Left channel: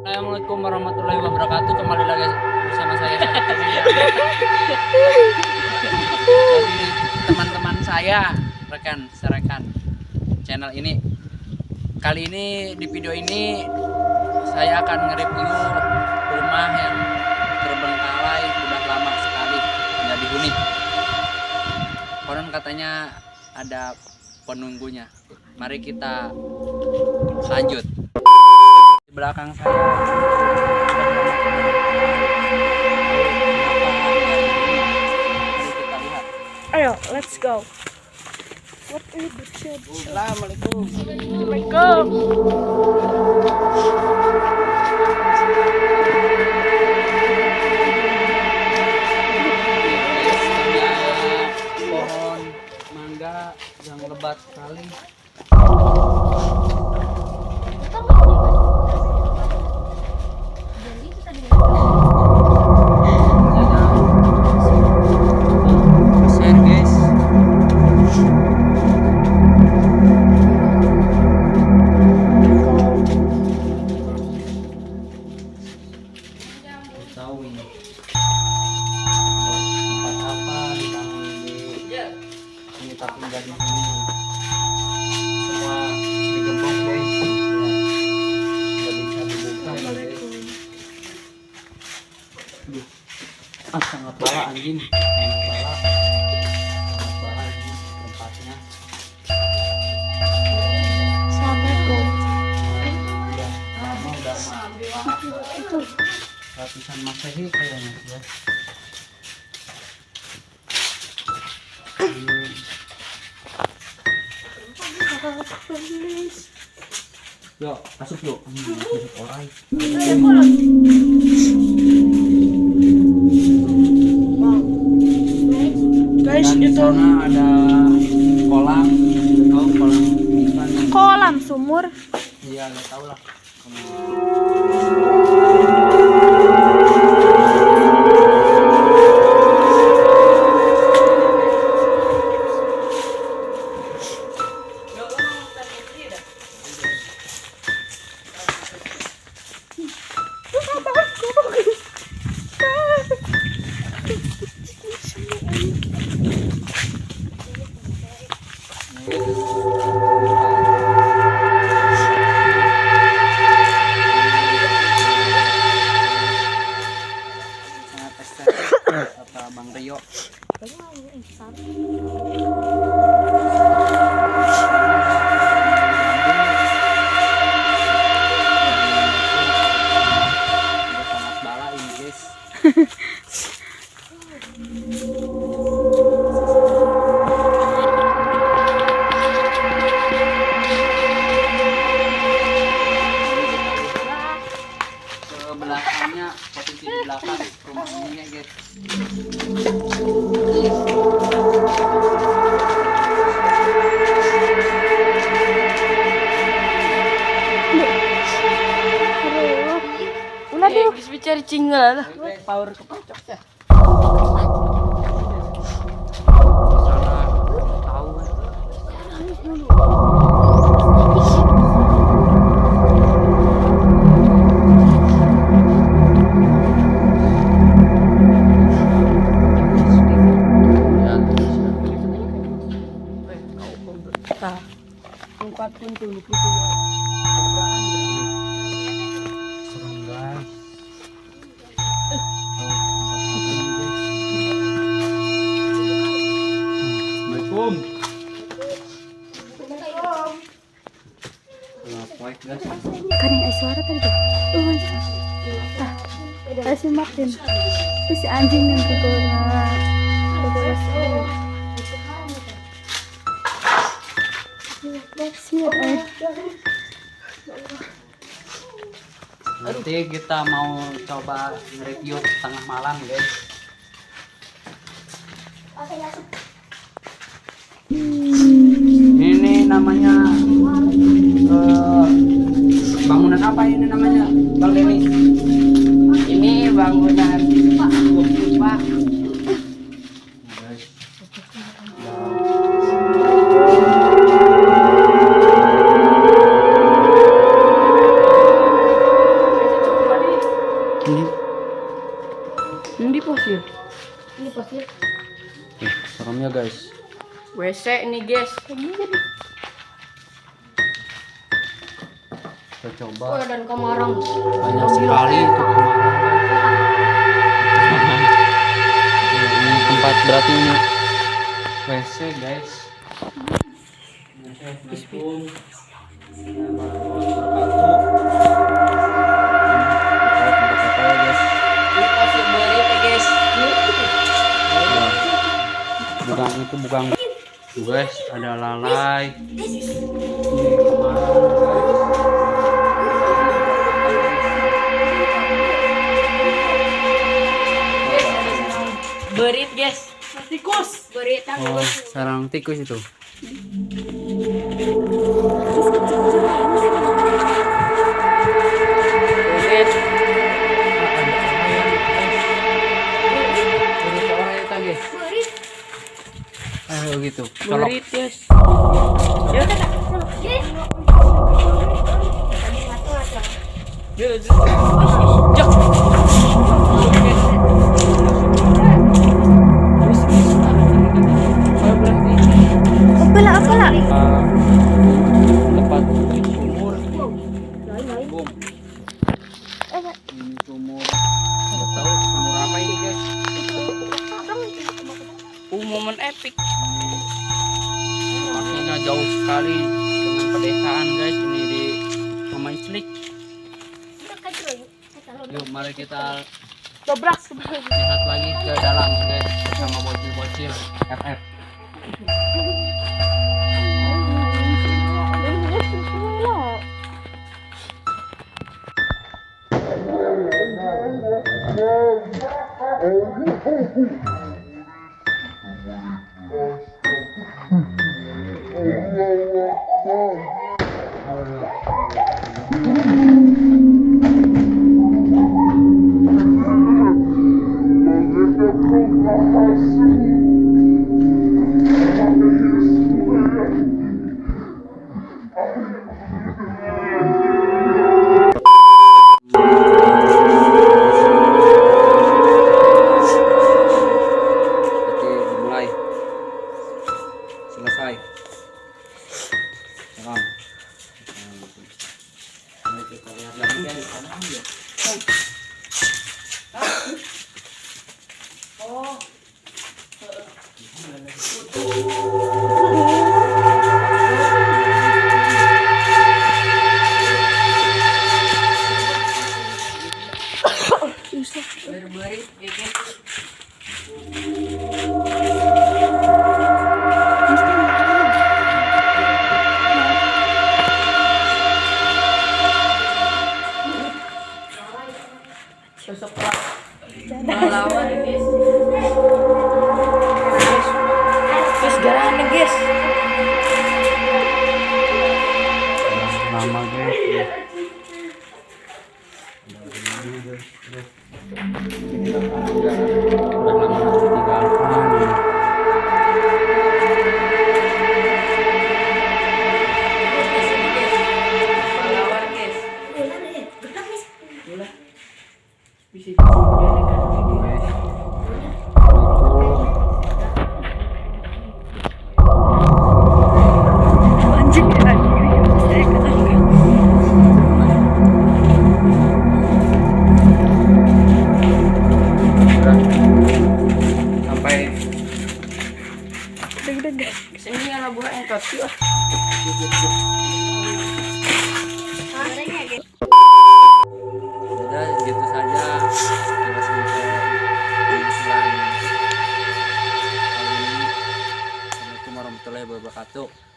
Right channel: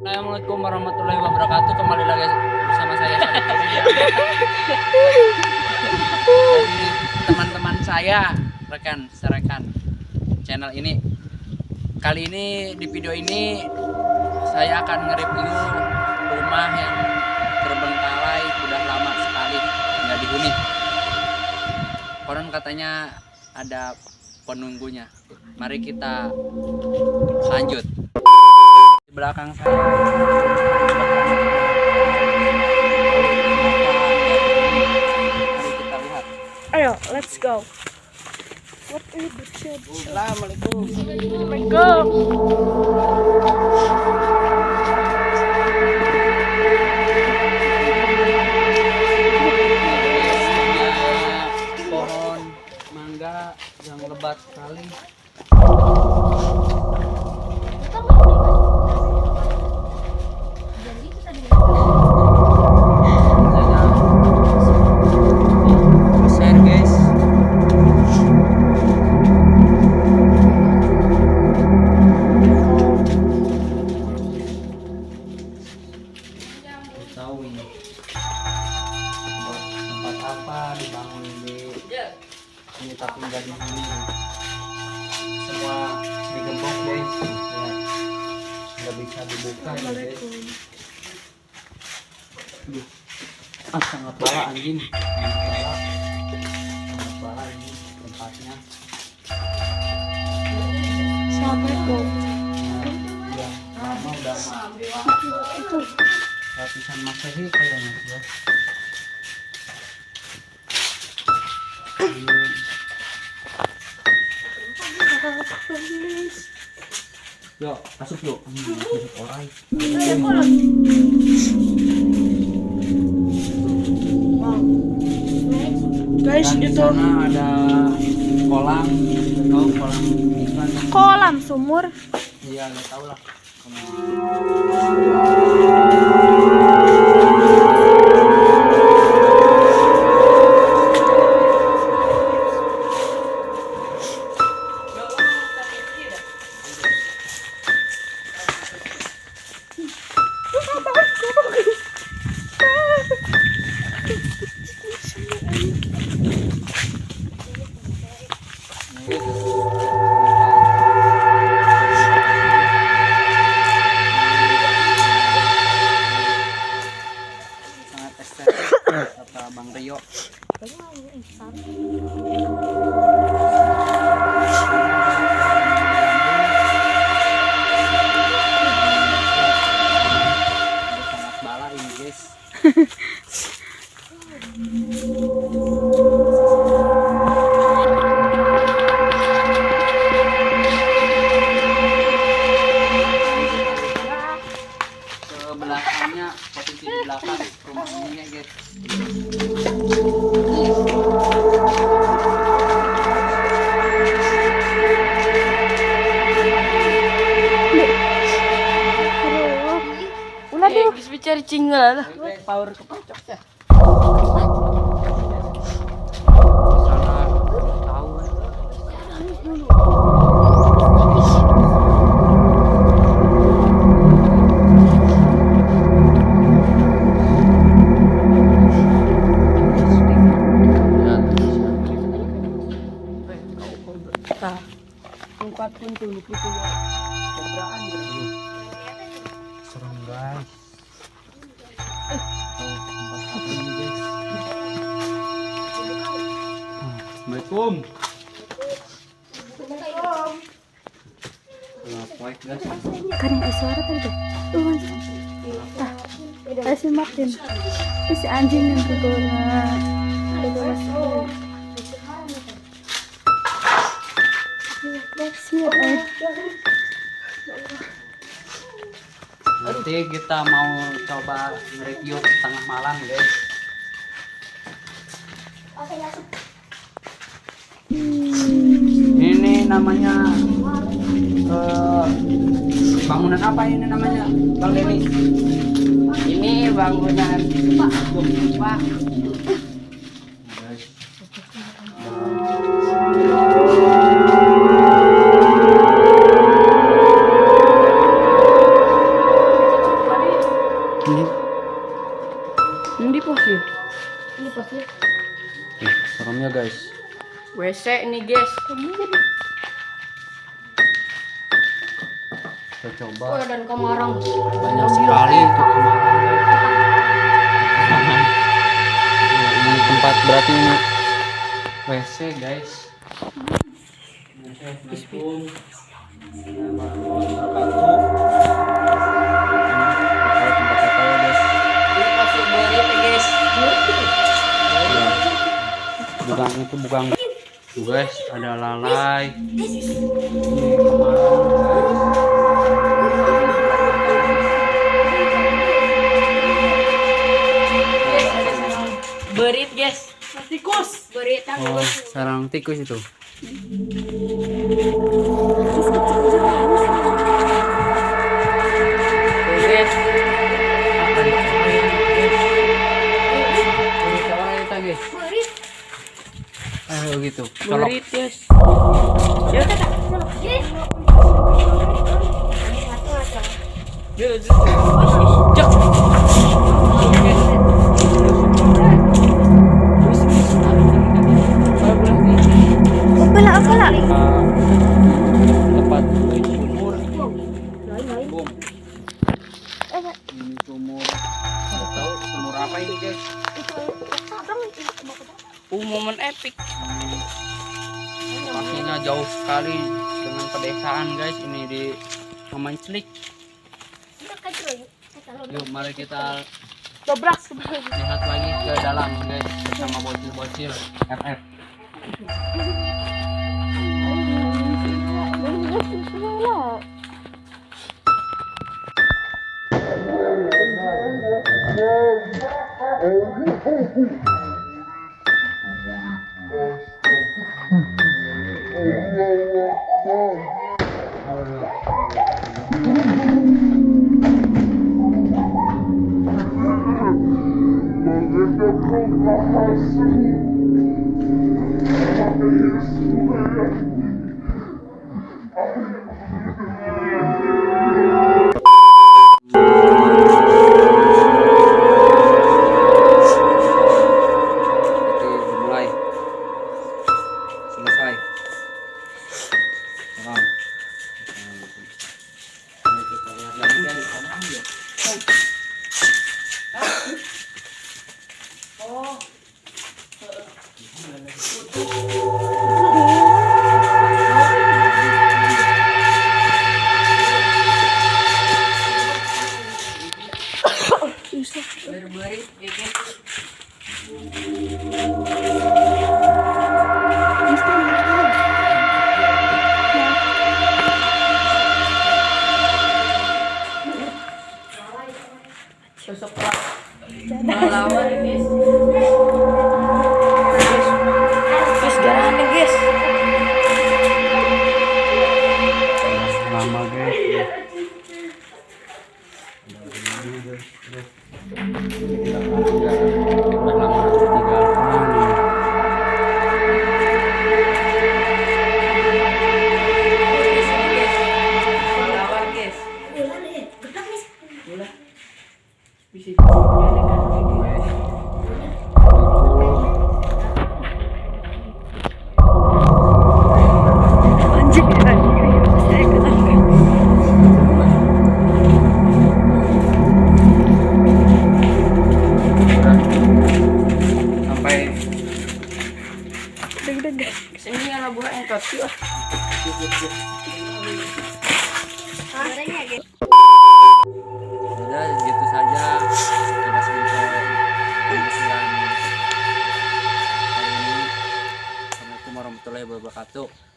Assalamualaikum warahmatullahi wabarakatuh. Kembali lagi bersama saya Jadi teman-teman saya, rekan channel ini. Kali ini di video ini saya akan nge-review rumah yang terbengkalai udah lama sekali nggak dihuni. Konon katanya ada penunggunya. Mari kita lanjut. Di belakang saya mari kita lihat. Ayo, let's go. What is the shed? Assalamualaikum. Assalamualaikum. Pohon mangga yang lebat sekali. Besar guys. Tahu ini tempat apa dibangun di ini, tapi nggak dihuni. Semua digembok guys, nggak bisa dibuka ini guys. Sangat bala anjing, sangat bala ini tempatnya. Assalamualaikum. Udah lama ratusan Masehi kayaknya ya. Yuk, masuk yuk. Masuk orang. Guys, Dan di itu sana ada kolam, tahu kolam ikan. kolam sumur. Iya, nggak tahu lah. Sangat estetik kata Bang Rio. Udah sangat bala ini guys. Ke belakangnya, posisi di belakang rumah ini ya guys. Ulah tuh. Bisa cari cinggal. Power kepacok ya. Sana tahu kan. Empat pun tuh itu ya. Keberaan berarti. Serem guys. Assalamualaikum. Assalamualaikum guys. Kan yang ada suara tadi tuh. Tah. Ada si Martin. Si anjing yang kegolah. Nanti kita mau coba nge-review tengah malam guys. Ini namanya bangunan apa ini namanya Bang Denny? Ini bangunan Pak. Ini fosil. Seremnya guys. WC ini guys. Kita coba. Oh, dan kamarang. Banyak sekali itu kemarin. Ini tempat berarti ini WC guys. Assalamualaikum. Tempat apa ya guys? Ini fosil berit ya guys. Ya. Bukan itu bukan. Tuh guys, ada lalai. Ini Guys, ada sarang berit guys. Tikus. Berit oh, sarang tikus itu. Tuh guys. Ada orang guys. Berita orang itu guys. Ayo gitu. Colok. Berit guys. Jak. Apala. Tempat sumur. Bom. Ini sumur. Nggak tahu sumur apa ini guys. Momen epic. Pastinya jauh sekali dengan pedesaan guys. Ini di Mamanslik. Yuk mari kita lihat lagi ke dalam guys bersama bocil-bocil FF. Dimulai selesai. Sekarang mari kita lihat lagi guys. Berit ya guys. Sosok pahlawan guys. Guys, garangan nih guys. Lama guys. Udah lama ditinggalkan ini. Pahlawan guys. Bisa Sampai Deg-degan. kesini anak buah engkot sih. udah gitu saja kita sampai penyusuran kali ini. Assalamualaikum warahmatullahi wabarakatuh.